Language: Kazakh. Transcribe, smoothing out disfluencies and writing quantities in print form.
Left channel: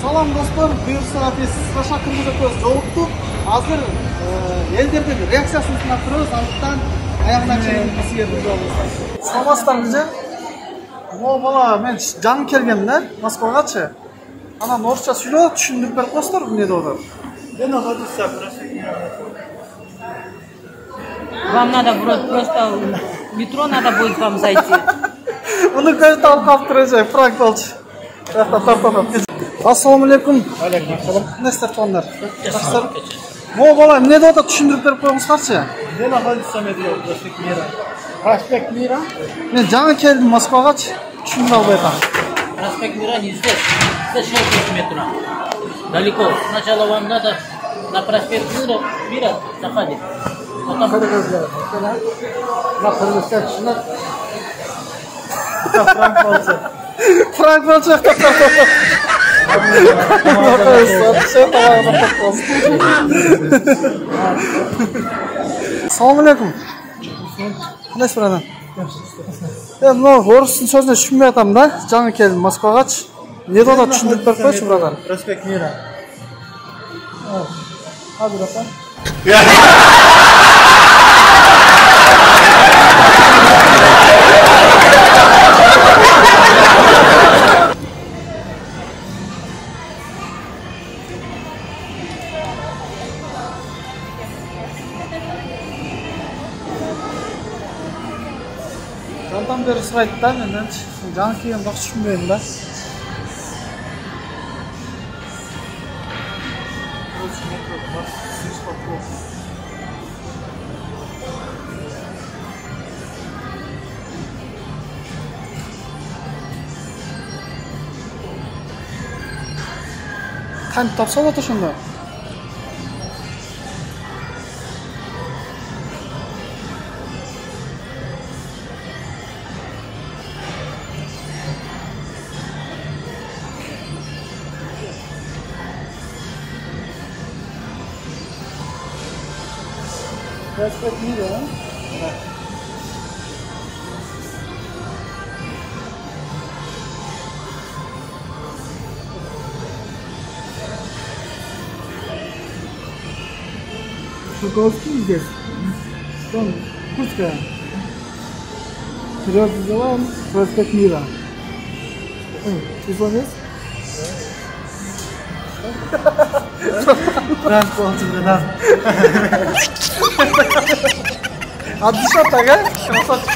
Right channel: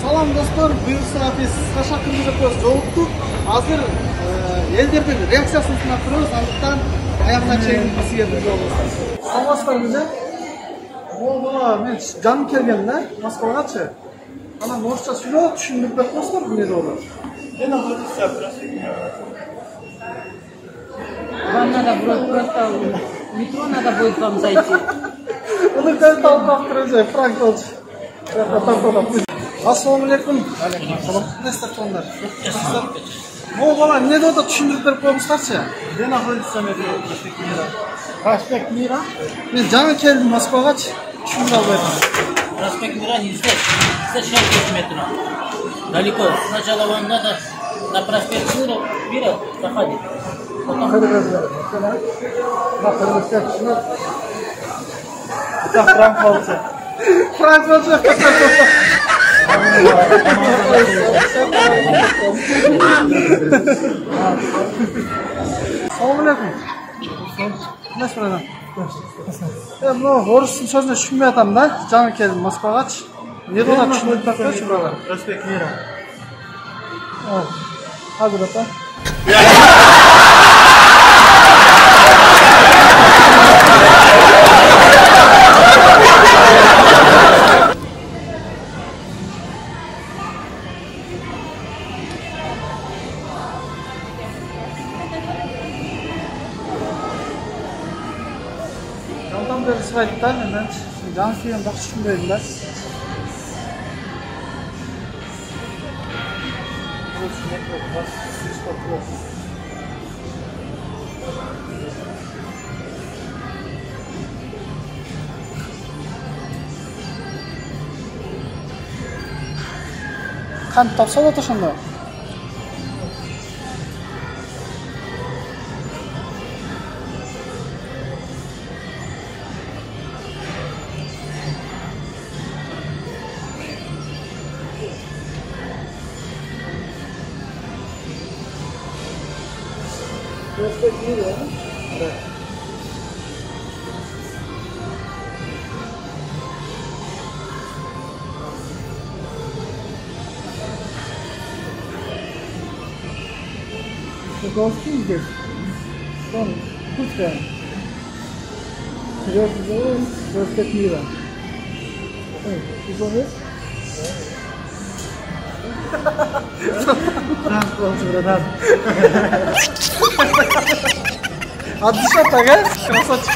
Салам достор, буюрса биз кыска кырмызы көз жолуктук. Азыр элдердин реакциясын сынап көрөбүз, андыктан аягына чейин силерди жолубуз. Саламатсыздарбы же? Бала мен жаңы келгем да, Москвагачы. Анан орусча сүйлөп түшүндүрүп берип коесуздар, эмне деп атат? Я находится просто. Вам надо просто в метро надо будет вам зайти. Onu göz dalgap duracak, Frank Olç. Assalamu alaikum. Алейкум. Ne ister onlar? Bu bala ne de düşündürüp verip koymuşlarsa ya. Я находится метро Проспект Мира. Проспект Мира? Ben жаңы келdim Moskvaga, düşündür albaydan. Проспект Мира не здесь. Здесь 6 метров. Далеко. Сначала вам надо на проспект Мира заходить. Потом... На Кыргызстан шынар. Это Франк Олча. Frank Olç. Assalamu alaikum. Ne ister adam? Ben bu Rus'un sözüne düşünmeye atam da, жаңы келdim Moskvaga. Ne de düşündürüp verip koysun buradan. Проспект Мира. Hadi bakalım. Yandan beri sıraydı da menden жаңы келген бақ düşünmeyim de. Kan tapsa da taşındı. Prоспект Мира. Шоковский здесь. Что? Пуска. Вперед называем Проспект Мира. Ты звонишь? Франк Олча. Adı şart aga. Şurası açık.